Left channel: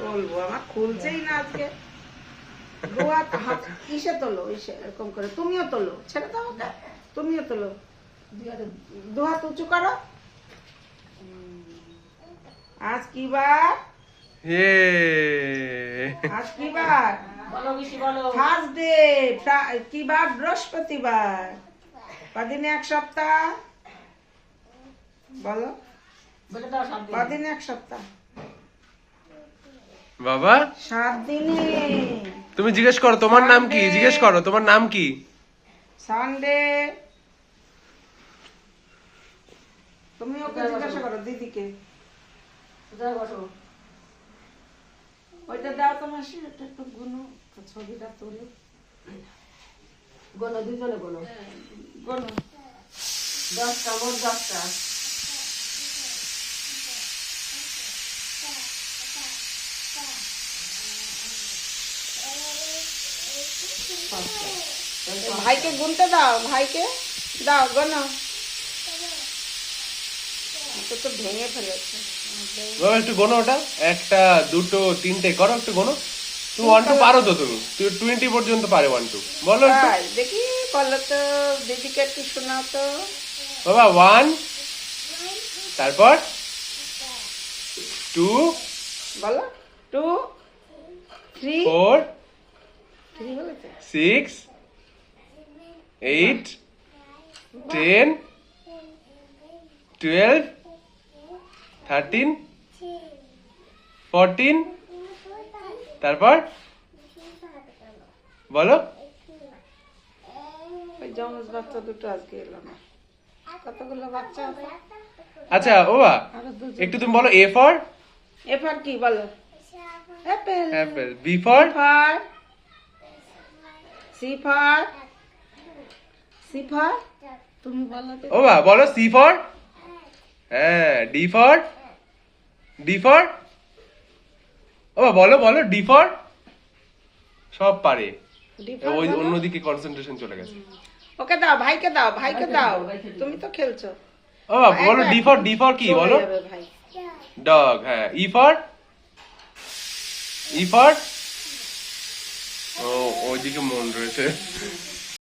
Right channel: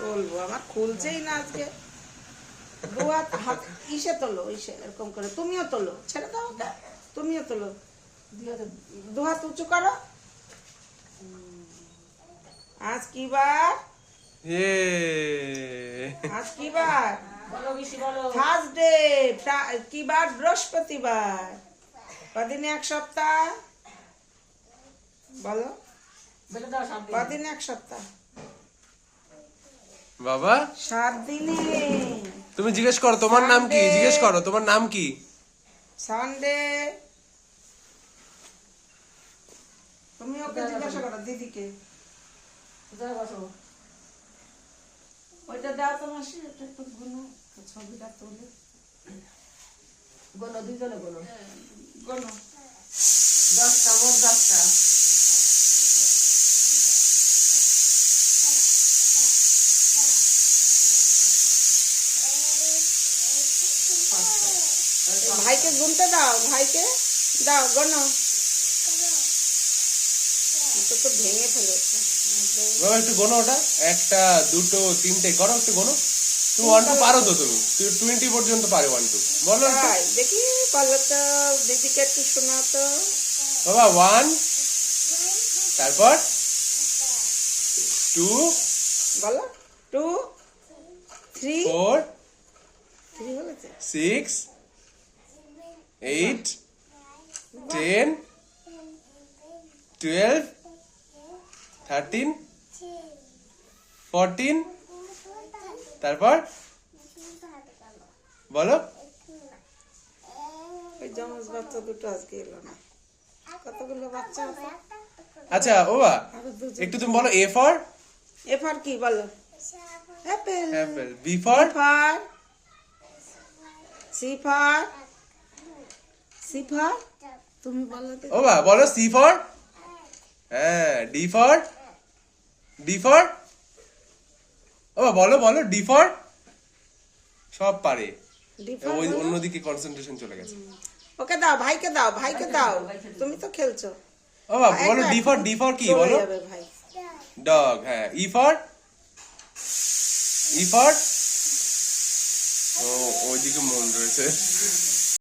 বলবো আমার খুলছেই না আজকে। ইসে তোলো, ইসে এরকম করে। তুমিও তোলো, ছেড়ে দাও ওকে। তুমিও তোলো, দু হাত উঁচু করো। আজ কি বার? আজ কি বার? থার্সডে। কি বার? বৃহস্পতিবার। কদিনে এক সপ্তাহ? বলো, কদিনে এক সপ্তাহ? বাবা 7 দিনে। তুমি জিজ্ঞেস করো তোমার নাম কি, জিজ্ঞেস করো তোমার নাম কি। সানডে। তুমি ওকে জিজ্ঞাসা করো দিদিকে। ওইটা দাও তোমার, একটু গুনো, ছবিটা তুলো। গোনো দুজনে গোনো গুনো 10টা মোট 10টা। ভাইকে গুনতে দাও, ভাইকে দাও, গোনো। তো ভেঙে ফেলেছে। বাবা একটু গোনো ওটা, 1টা 2টো 3টে করো একটু গোনো। তুমি 1 2 পারো তো, তুমি 20 পর্যন্ত পারো 1 2 বলো একটু। তাই দেখি, বলো তো দিদিকে একটু শোনাও তো। বাবা 1, তারপর 2, বলো 2 3 4, 3 বলেছে। 6, 8, 10, 12, 13, 14, তারপর বলো। ওই জমজ বাচ্চা দুটো আজকে এলো না। কতগুলো বাচ্চা আছে? আচ্ছা ও বাবা আরো দুজন। একটু তুমি বলো A for এ ফর কি বলো? Apple. apple, B for for C for তুমি বলো তো। ও বাবা বলো C for, হ্যাঁ D for ও বাবা বলো বলো D for, সব পারে। ডি ফর ওই বলো। অন্যদিকে কনসেন্ট্রেশন চলে গেছে। ওকে দাও, ভাইকে দাও, ভাইকে দাও। তুমি তো খেলছো। ও বাবা বলো D for কি চলে বলো? যাবে ভাই। ডগ, হ্যাঁ E for ও ওইদিকে মন রয়েছে।